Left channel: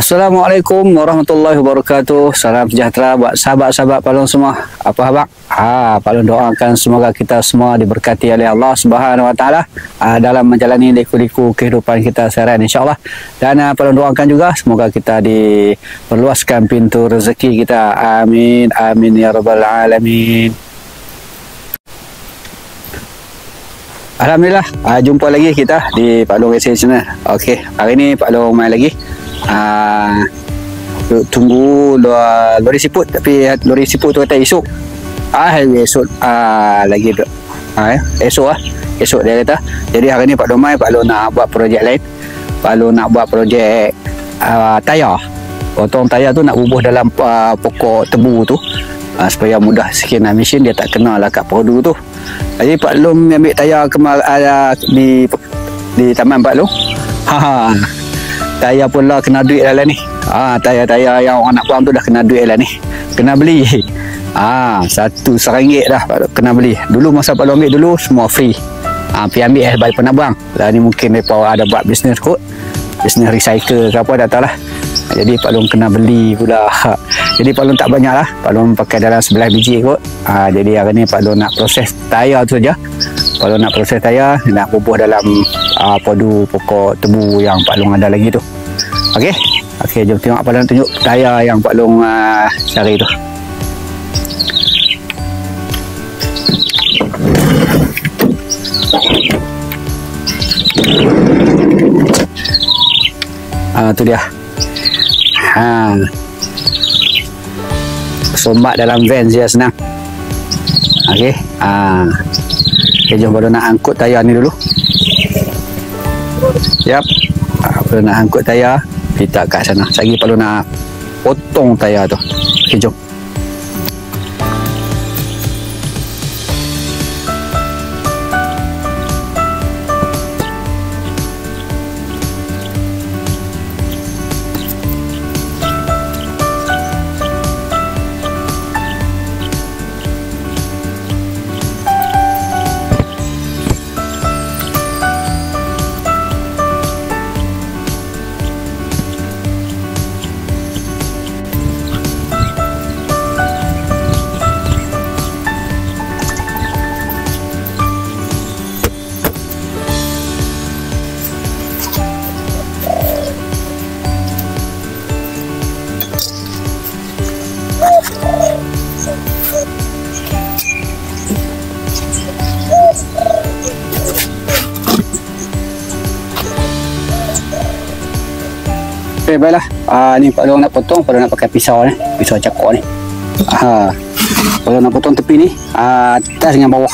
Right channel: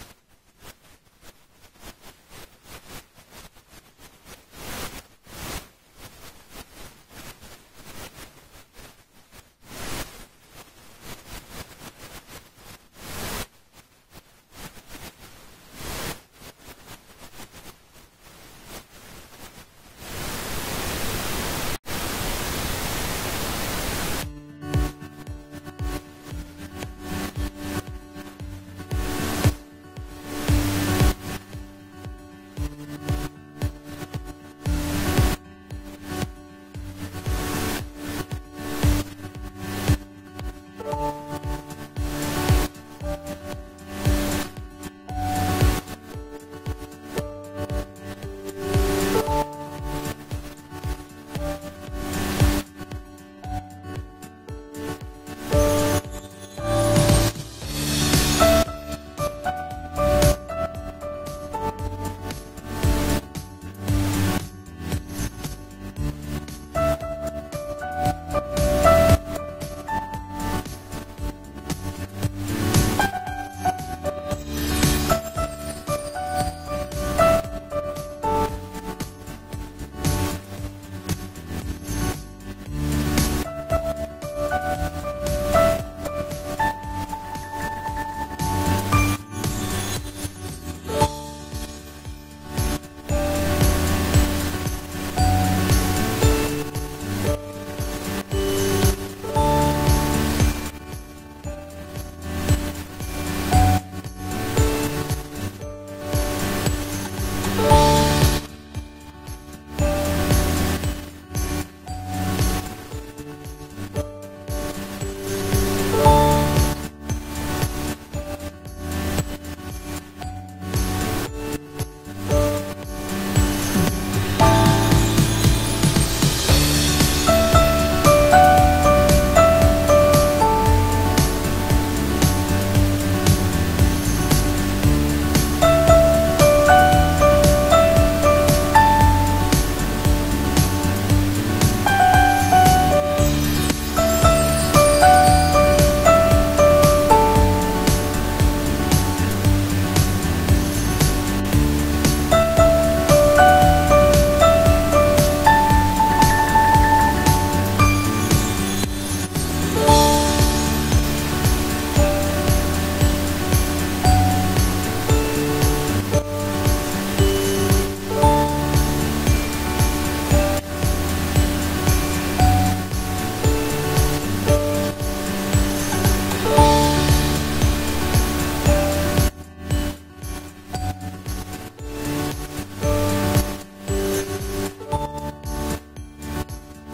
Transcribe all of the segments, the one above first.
Assalamualaikum warahmatullahi wabarakatuh. Salam sejahtera buat sahabat-sahabat Pak Long semua. Apa khabar? Pak Long doakan semoga kita semua diberkati oleh Allah Subhanahu Wa Taala dalam menjalani liku-liku kehidupan kita seharian insya-Allah. Dan Pak Long doakan juga semoga kita diperluaskan pintu rezeki kita. Amin amin ya rabbal alamin. Alhamdulillah, jumpa lagi kita di Pak Long SA Channel. Okey, hari ni Pak Long main lagi. Tunggu lori siput, tapi lori siput tu kata esok. Esok lagi esok dia kata. Jadi hari ni Pak Long main, Pak Long nak buat projek lain. Pak Long nak buat projek tayar. Potong tayar tu nak bubuh dalam pokok tebu tu, supaya mudah sikit nak mesin, dia tak kena lah kat perdu tu. Jadi Pak Long ambil tayar di taman Pak Long. Tayar pula kena duit lah ni. Tayar-tayar yang orang nak buang tu dah kena duit lah ni. Kena beli. Satu RM1 dah kena beli. Dulu masa Pak Long ambil dulu semua free. Pergi ambil balik nak buang. Ni mungkin mereka ada buat bisnes kot. Bisnes recycle ke apa, dah tahu lah. Jadi Pak Long kena beli pula. Jadi Pak Long tak banyak lah. Pak Long pakai dalam 11 biji kot. Jadi hari ni Pak Long nak proses tayar tu saja. Pak Long nak proses tayar, nak bubuh dalam padu pokok tebu yang Pak Long ada lagi tu. Okey, jom tengok Pak Long tunjuk tayar yang Pak Long cari tu. Tu dia. Sombat dalam van je senang. Okey. Jom Pak Long nak angkut tayar ni dulu. Siap. Pak Long nak angkut tayar, kita kat sana. Sekejap Pak Long nak potong tayar tu. Okey, jom. Okey, baiklah. Ni Pak Long nak potong. Pak Long nak pakai pisau ni, pisau cakok ni. Pak Long nak potong tepi ni, atas dengan bawah.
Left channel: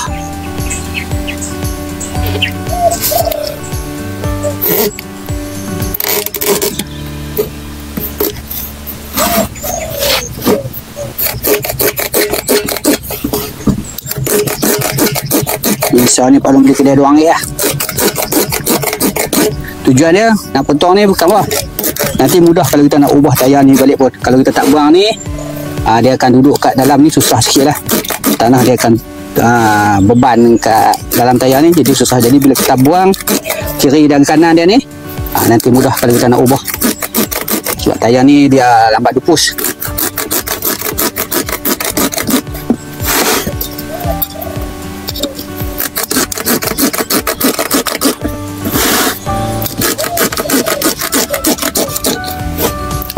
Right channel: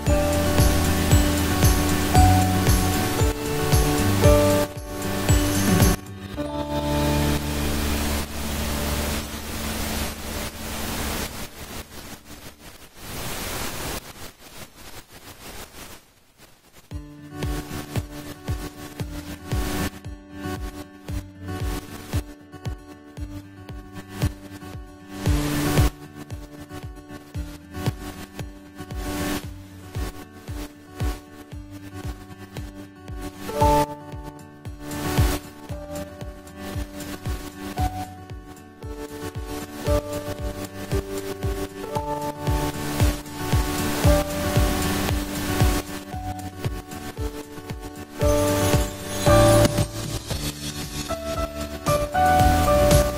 Pisau ni Pak Long beli kedai RM2 lah. Tujuan dia nak potong ni bukan apa, nanti mudah kalau kita nak ubah tayar ni balik pun. Kalau kita tak buang ni, dia akan duduk kat dalam ni, susah sikit lah. Tanah dia akan beban kat dalam tayar ni, jadi susah. Jadi bila kita buang kiri dan kanan dia ni, nanti mudah kalau kita nak ubah. Sebab tayar ni dia lambat dupus.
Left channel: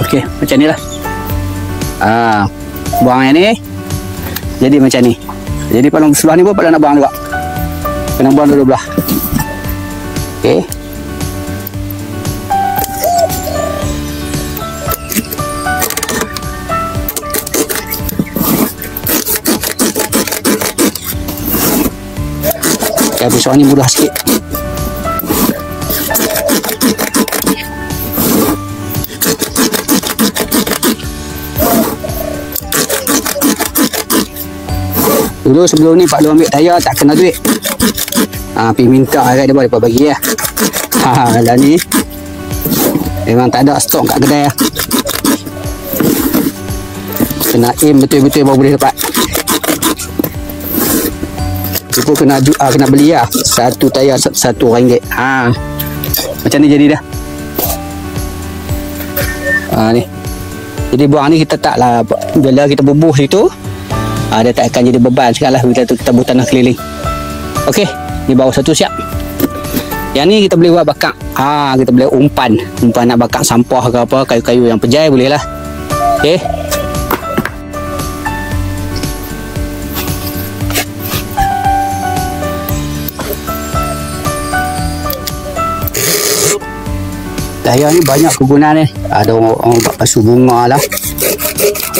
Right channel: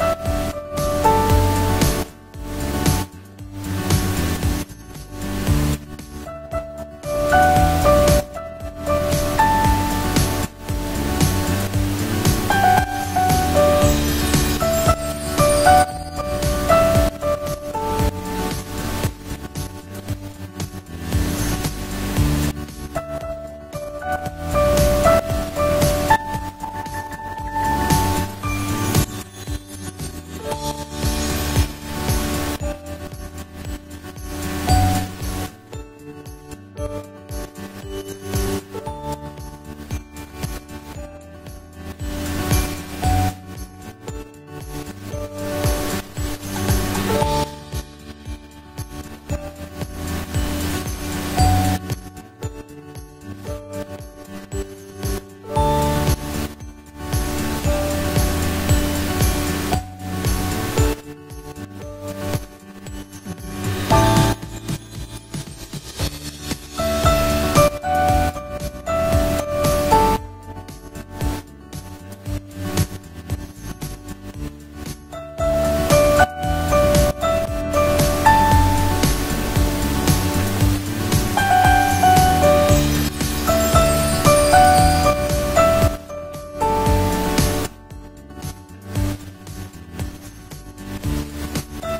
Okey, macam ni lah. Buang yang ni jadi macam ni. Jadi Pak Long sebelah ni pun Pak Long nak buang juga. Kena buang dua belah. Okey. Pisau ni mudah sikit. Dulu sebelum ni Pak Long ambil tayar tak kena duit. Pergi minta kat dia, mereka bagi lah. Dah ni memang tak ada stok kat kedai lah. Kena aim betul-betul baru boleh dapat. Itu kena beli lah. Satu tayar RM1. Macam ni jadi dah. Ni. Jadi buang ni kita taklah, bila kita bubuh situ, dia tak akan jadi beban sekarang lah bila tu kita buat tanah keliling. Okey, ni bawah satu siap. Yang ni kita boleh buat bakar. Kita boleh umpan nak bakar sampah ke apa, kayu-kayu yang pejai boleh lah. Okey. Daya ni banyak kegunaan ni. Ada orang buat pasu bunga lah,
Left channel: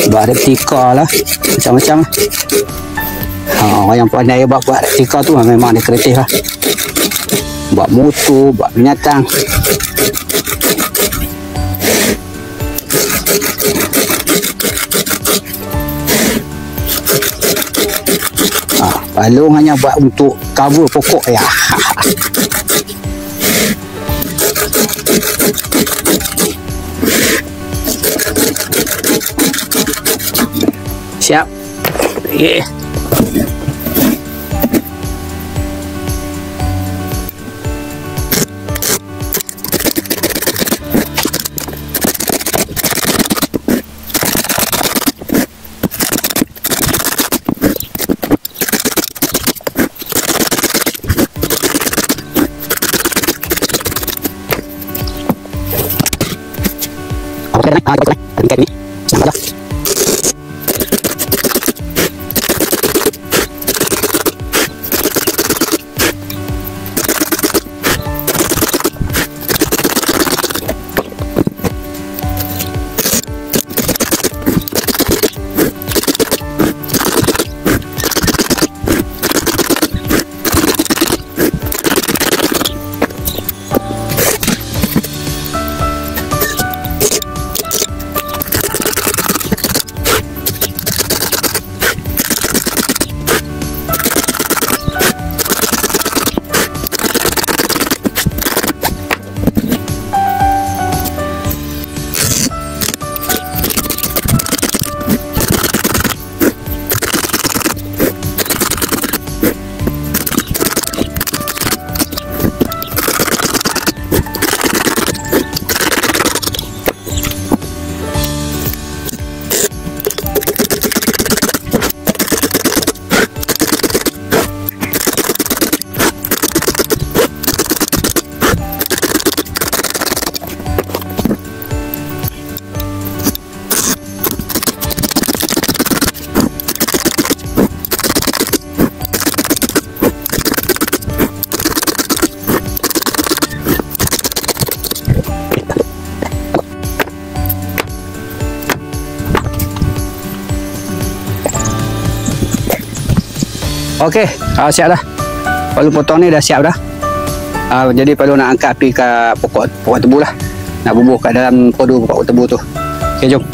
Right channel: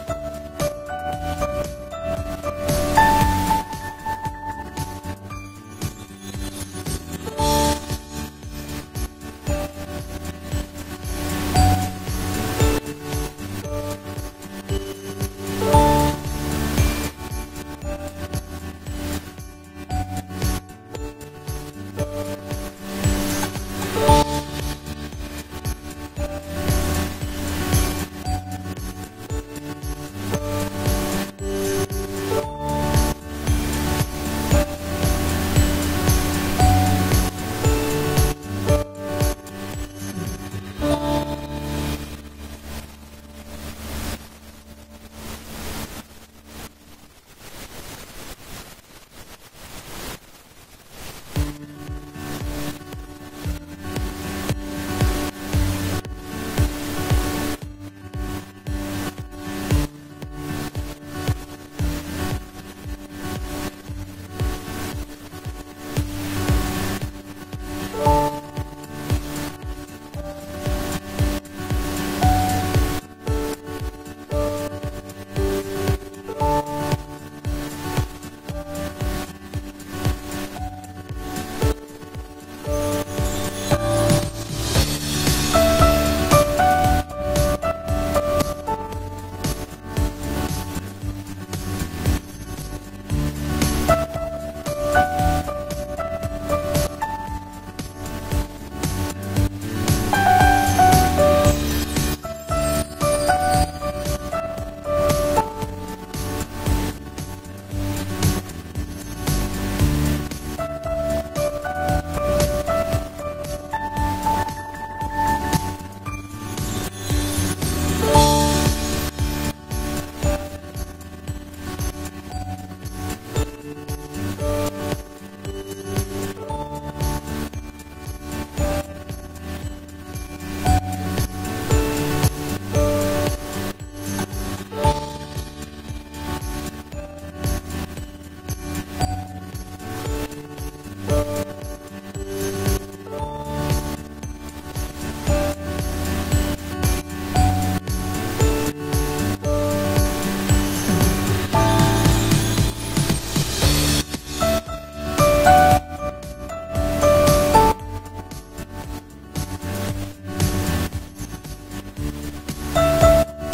buat replika lah, macam-macam. Orang yang pandai buat replika tu memang dia kreatif lah. Buat motor, buat binatang. Palung hanya buat untuk cover pokok ya. Siap. Okay. Okey, siap dah. Palu potong ni dah siap dah. Jadi palu nak angkat api ke pokok tebu lah. Nak bubuh kat dalam podu pokok tebu tu. Okey, jom.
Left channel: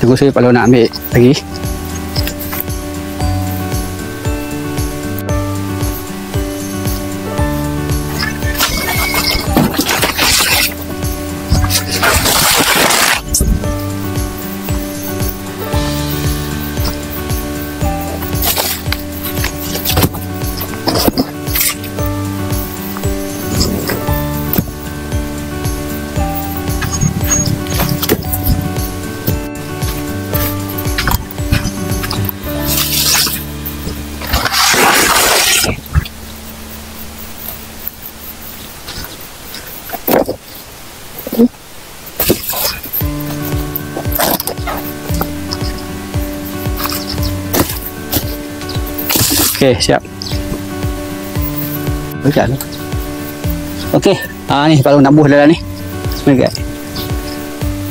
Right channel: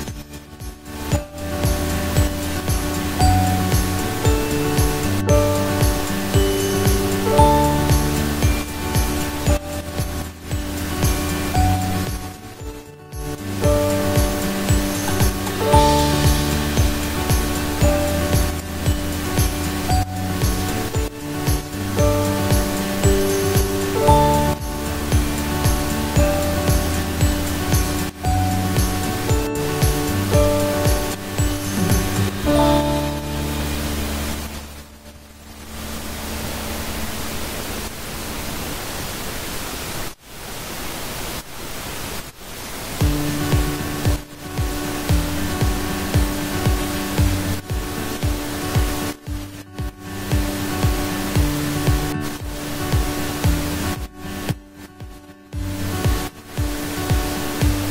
Tunggu saya kalau nak ambil lagi. Okey, siap. Okey. Okey. Ni kalau nak buh dalam ni. Okey.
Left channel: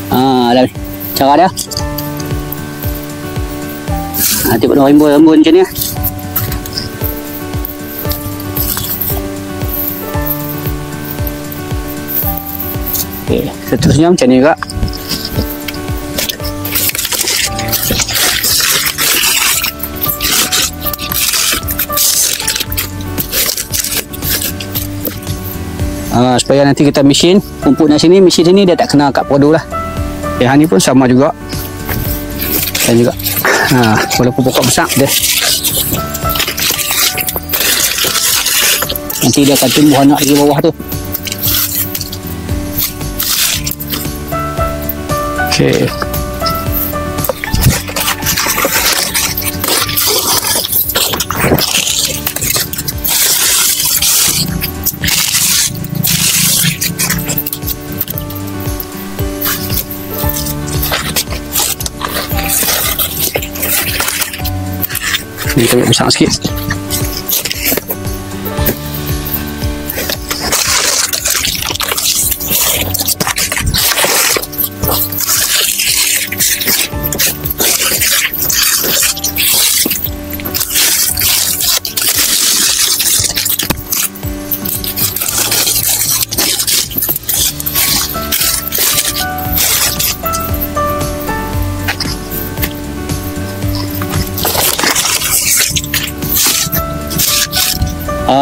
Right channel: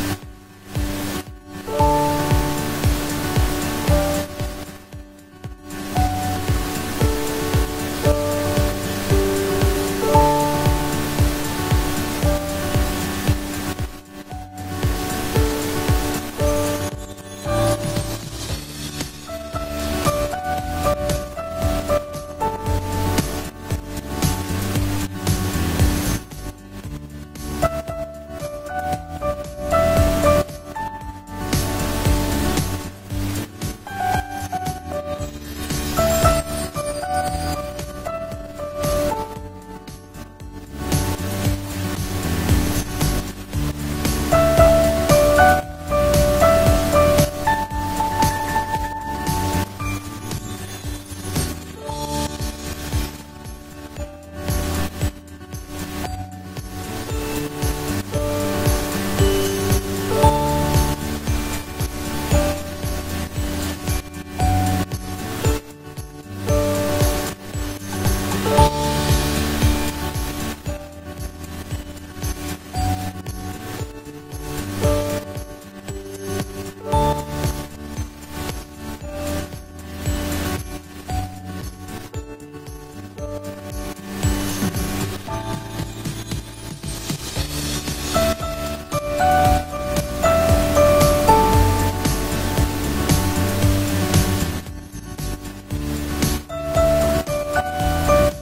Dalam ni. Cara dia. Tengok rembun-rembun macam ni. Okey, seterusnya macam ni juga. supaya nanti kita mesin pumput nak sini, mesin sini dia tak kena kat produk lah. Yang ni pun sama juga. Dan juga walaupun pokok besar dia, nanti dia akan tumbuh anak di bawah tu. Okey. Ni kita besar sikit.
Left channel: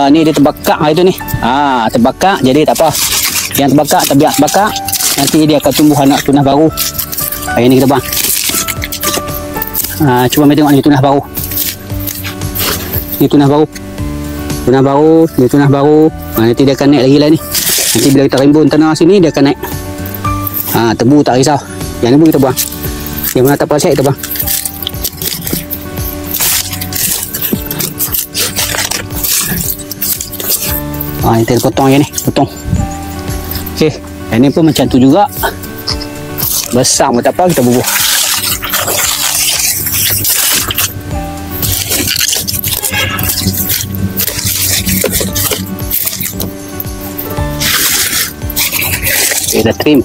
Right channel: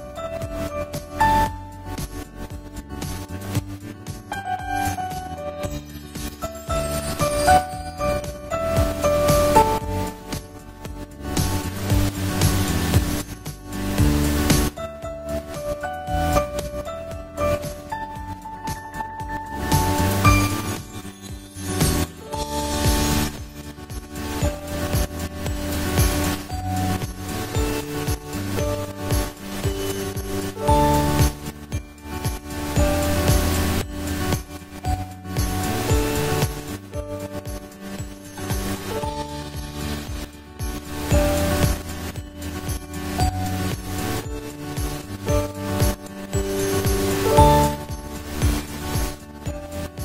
Ni dia terbakar itu ni. Terbakar jadi tak apa. Yang terbakar biar terbakar, nanti dia akan tumbuh anak tunas baru. Ini kita buang. Cuba mai tengok ni tunas baru. Ni tunas baru. Tunas baru, ni tunas baru. Nanti dia akan naik lagi lah ni. Nanti bila kita rimbun tanah sini dia akan naik. Tebu tak risau. Yang ni pun kita buang. Yang mana tak pasal kita buang. Kita potong je ni, potong. Okey, yang ni pun macam tu juga. Besar pun tak apa, kita bubuh. Okay, dah trim.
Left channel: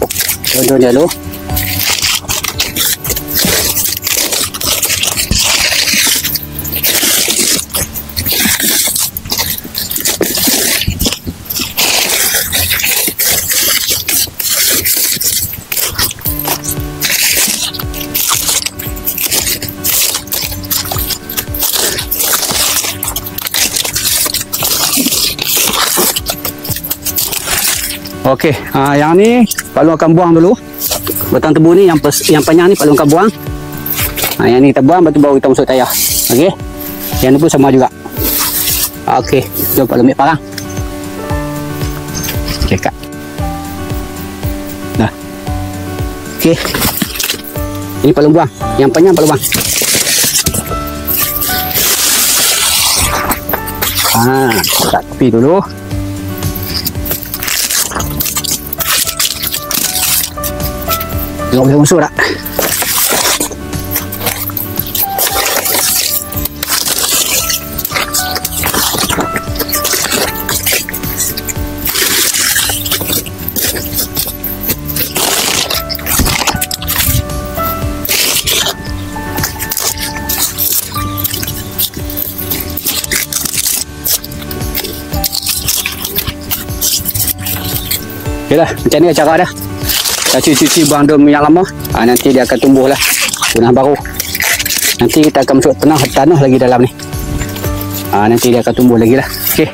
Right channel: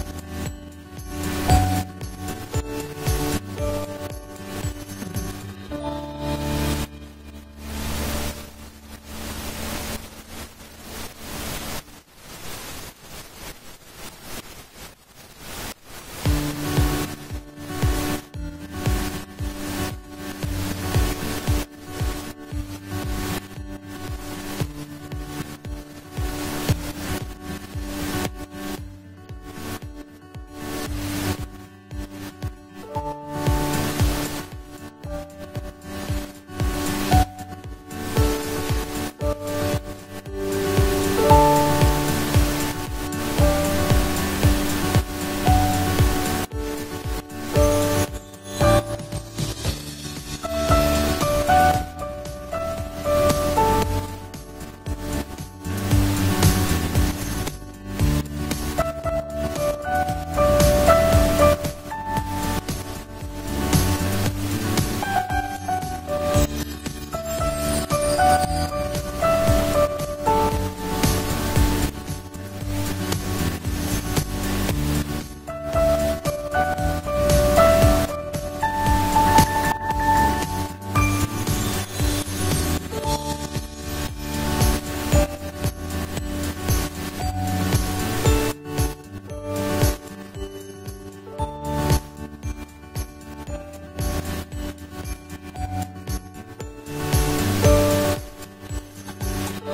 Daun-daun dia dulu. Okey, yang ni Pak Long akan buang dulu. Batang tebu ni yang panjang ni Pak Long akan buang. Yang ni kita buang, lepas tu baru kita masuk tayar. Okey. Yang ni pun sama juga. Okey, jom Pak Long ambil parang. Okey, Kak. Dah. Okey. Ini Pak Long buang. Yang panjang Pak Long buang. Tak tepi dulu. Tengok boleh masuk tak? Okey dah, macam ni cara dah. Kita cuci buang daun yang lama. Nanti dia akan tumbuh lah tunas baru. Nanti kita akan masuk tanah lagi dalam ni. Nanti dia akan tumbuh lagi lah. Okey.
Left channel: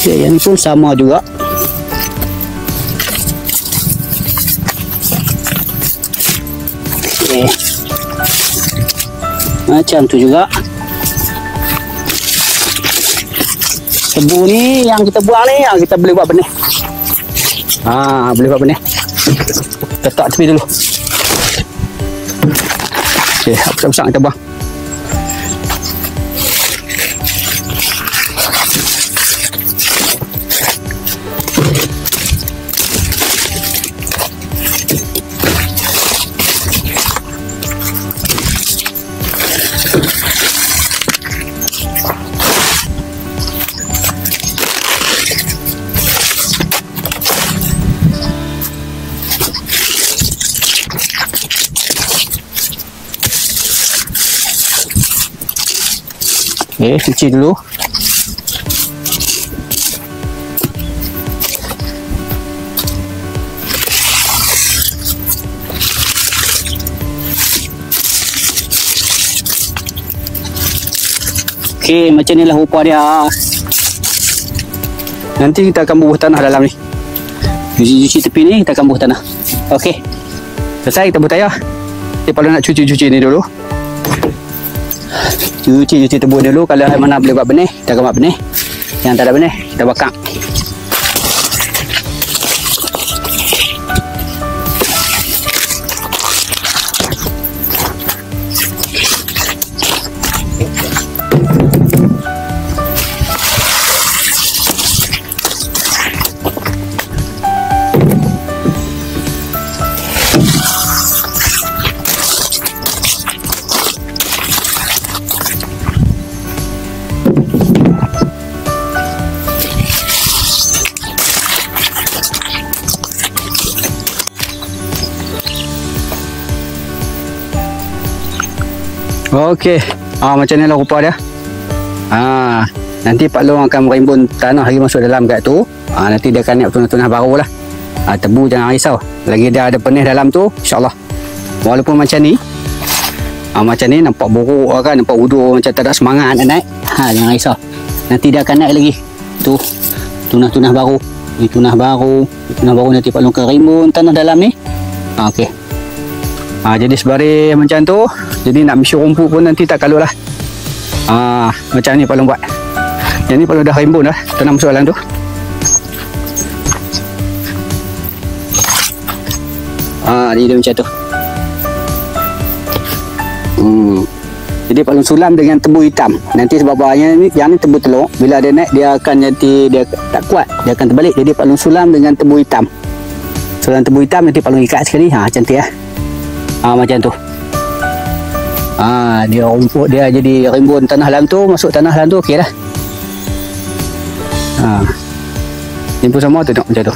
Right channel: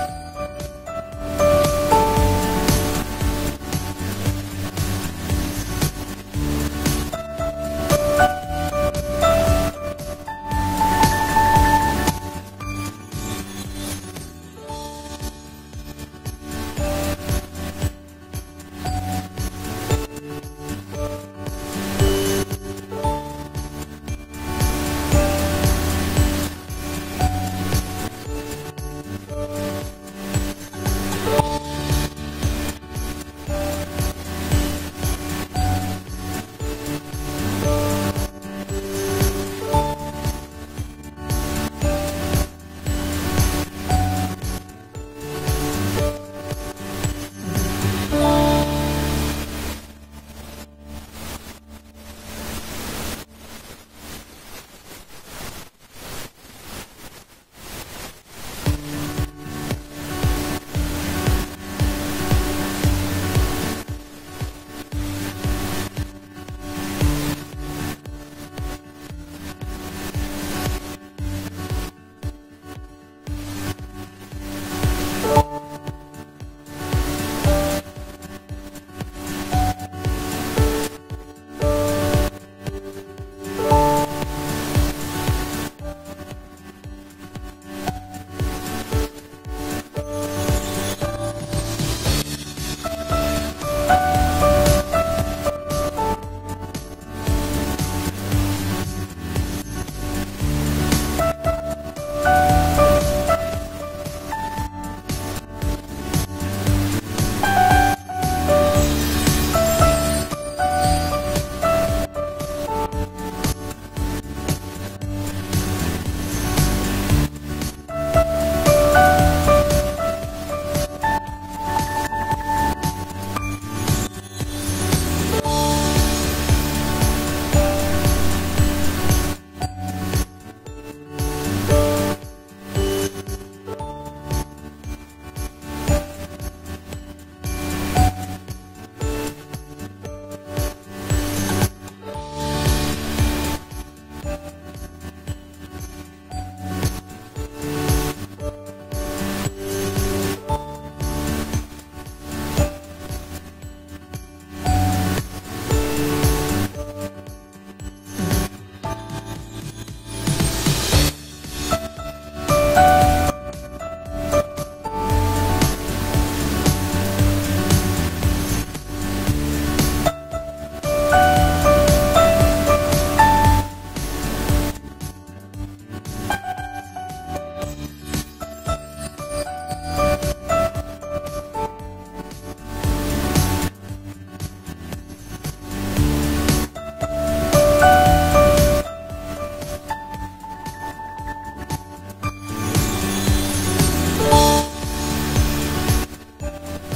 Okay, yang ni pun sama juga. Okay. Macam tu juga. Tebu ni yang kita buang ni, yang kita boleh buat benih. Boleh buat benih. Letak tepi dulu. Okay, besar-besar kita buang. Okey, cuci dulu. Okey, macam inilah rupa dia. Nanti kita akan bubuh tanah dalam ni. Cuci-cuci tepi ni, kita akan bubuh tanah. Okey. Selesai kita bubuh tayar. Kita perlu nak cuci-cuci ni dulu. Cuci tebu dulu. Kalau mana boleh buat benih, kita akan buat benih. Yang tak ada benih, kita bakar. Okey, macam ni lah rupa dia. Nanti Pak Long akan merimbun tanah lagi masuk dalam kat tu. Nanti dia akan naik tunah-tunah baru lah. Tebu jangan risau. Lagi dia ada penih dalam tu, insyaAllah. Walaupun macam ni, nampak buruk kan, nampak udur macam tak ada semangat nak naik. Jangan risau. Nanti dia akan naik lagi. Tu tunah-tunah baru. Ini tunah baru. Tunah baru nanti Pak Long akan rimbun tanah dalam ni. Okey. Jadi sebaris macam tu. Jadi nak misi rumput pun nanti tak kalut lah. Macam ni Pak Long buat. Yang ni Pak Long dah rimbun dah. Tanam masuk dalam tu. Ni dia macam tu. Jadi Pak Long sulam dengan tebu hitam. Nanti sebab bawahnya ni, yang ni tebu telur. Bila dia naik, dia akan nanti dia tak kuat. Dia akan terbalik. Jadi Pak Long sulam dengan tebu hitam. Sulam tebu hitam nanti Pak Long ikat sekali. Cantik lah. Macam tu. Dia rumput dia jadi rimbun tanah dalam tu, masuk tanah dalam tu, okey dah. Ni pun sama tu, tengok macam tu.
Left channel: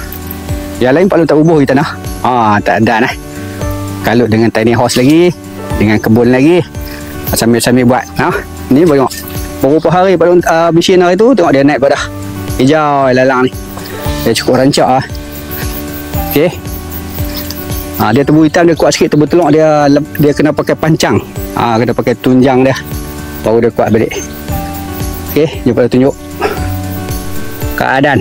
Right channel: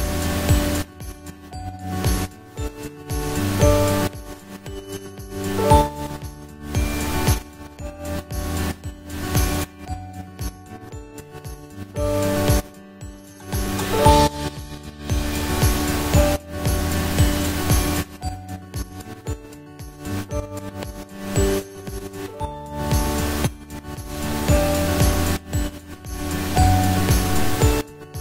Yang lain Pak Long tak bubuh di tanah. Tak ada lah. Kalut dengan tiny house lagi, dengan kebun lagi. Sambil-sambil buat. Ni tengok. Beberapa hari Pak Long bisin hari tu, tengok dia naik pada hijau lalang ni. Dia cukup rancak lah. Okey. Dia tebu hitam dia kuat sikit, tebu telur dia kena pakai pancang. Kena pakai tunjang dia baru dia kuat balik. Okey, jom tunjuk keadaan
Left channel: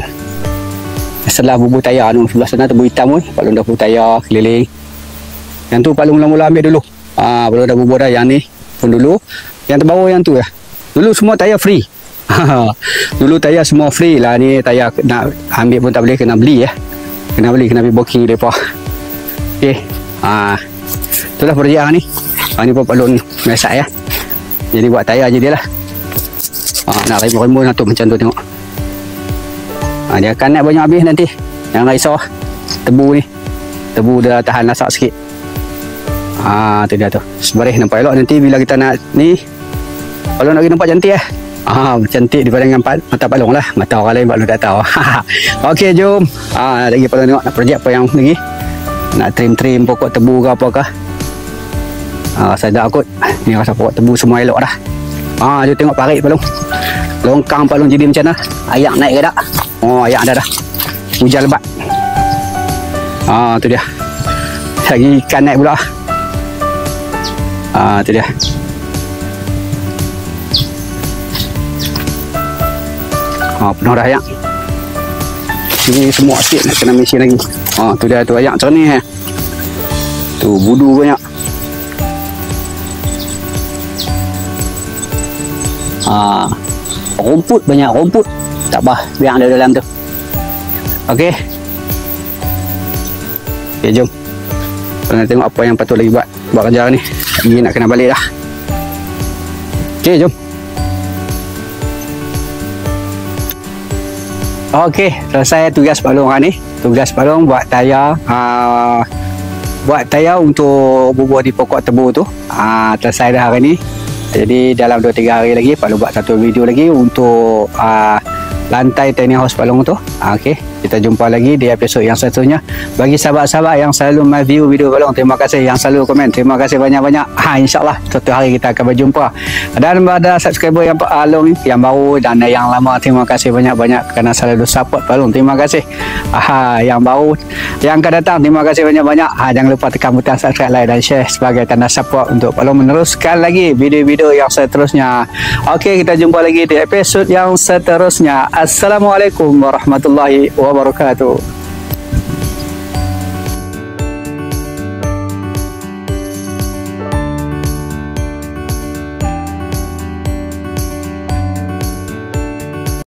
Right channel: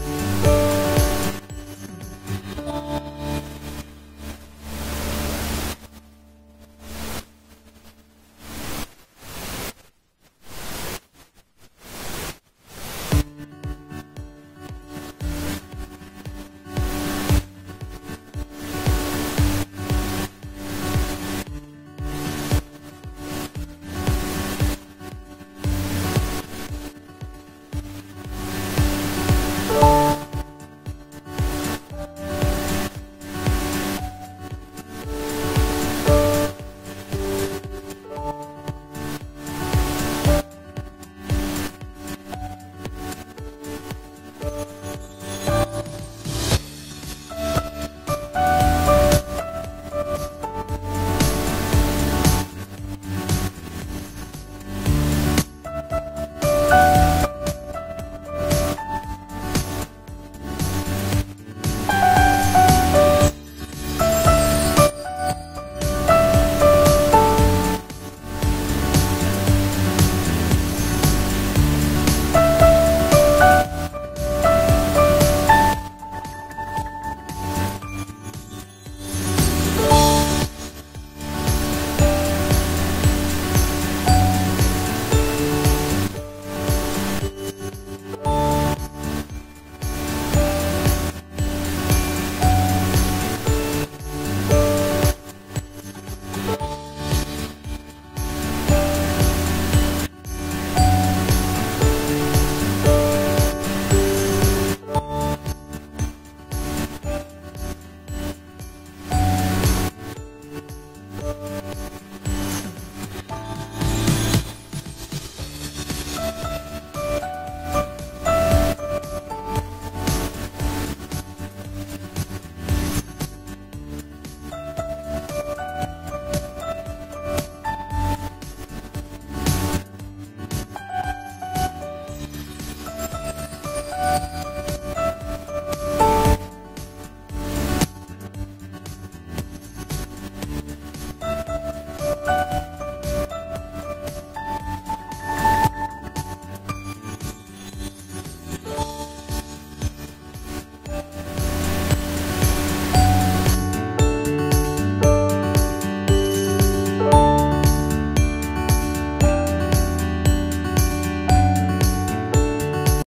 setelah bubuh tayar tu. Sebelah sana tebu hitam pun Pak Long dah bubuh tayar keliling. Yang tu Pak Long mula-mula ambil dulu. Pak Long dah bubuh dah, yang ni pun dulu. Yang terbaru yang tu ya. Dulu semua tayar free. Dulu tayar semua free lah. Ni tayar nak ambil pun tak boleh, kena beli ya. Kena beli, kena pergi booking depa. Okey. Itulah projek ni. Ni pun Pak Long masak ya. Jadi buat tayar je dia lah. Nak rimbun-rimbun tu macam tu tengok. Dia akan naik banyak habis nanti. Jangan risau. Tebu ni. Tebu dia tahan lasak sikit. Tu dia tu. Sebaris nampak elok nanti bila kita nak ni. Pak Long nak nampak cantik lah. Cantik daripada dengan mata Pak Long lah. Mata orang lain Pak Long tak tahu. Okey, jom. Lagi Pak Long tengok nak projek apa yang lagi. Nak trim-trim pokok tebu ke apakah. Sedap kot. Ni rasa pokok tebu semua elok dah. Jom tengok parit Pak Long. Longkang Pak Long jadi macam mana. Ayak naik ke tak? Ayak dah. Hujan lebat. Tu dia. Lagi ikan naik pula. Tu dia. Penuh dah ayak. Ini semua sikit nak kena mesin lagi. Tu dia tu ayak macam ni. Tu budu banyak. Rumput banyak rumput. Tak apa, biar ada dalam tu. Okey. Jom. Kita nak tengok apa yang patut lagi buat kerja ni. Lagi nak kena balik dah. Okey, jom. Okey, selesai tugas Pak Long ni. Tugas Pak Long buat tayar. Buat tayar untuk bubuh di pokok tebu tu. Selesai dah hari ni. Jadi dalam 2-3 hari lagi Pak Long buat satu video lagi untuk lantai tiny house Pak Long tu. Okey, kita kita jumpa lagi di episod yang seterusnya. Bagi sahabat-sahabat yang selalu view video Balong, terima kasih. Yang selalu komen, terima kasih banyak-banyak. InsyaAllah suatu hari kita akan berjumpa. Dan pada subscriber yang Balong yang baru dan yang lama, terima kasih banyak-banyak kerana selalu support Balong. Terima kasih. Yang baru, yang akan datang, terima kasih banyak-banyak. Jangan lupa tekan butang subscribe, like dan share sebagai tanda support untuk Balong meneruskan lagi video-video yang seterusnya. Okey, kita jumpa lagi di episod yang seterusnya. Assalamualaikum warahmatullahi wabarakatuh.